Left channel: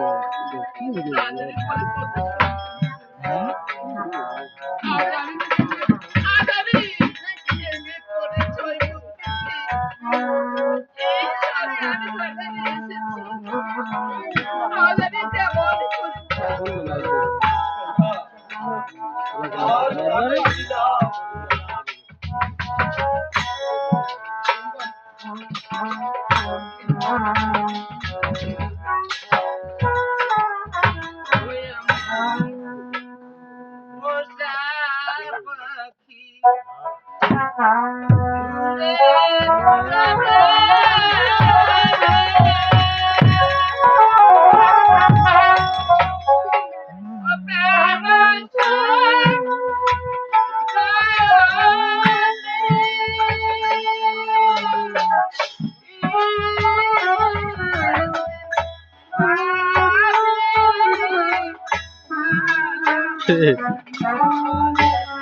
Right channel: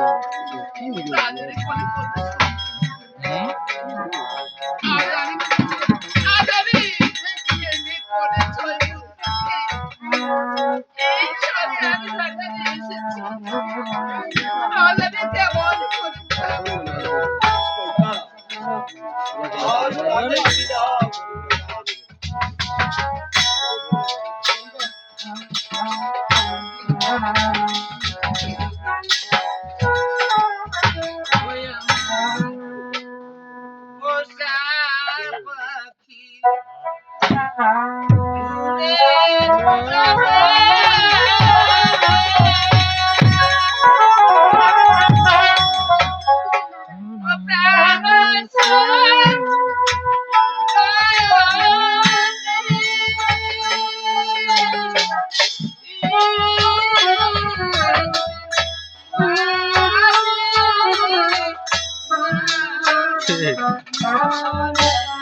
嗯거 피. পাখি Thank you.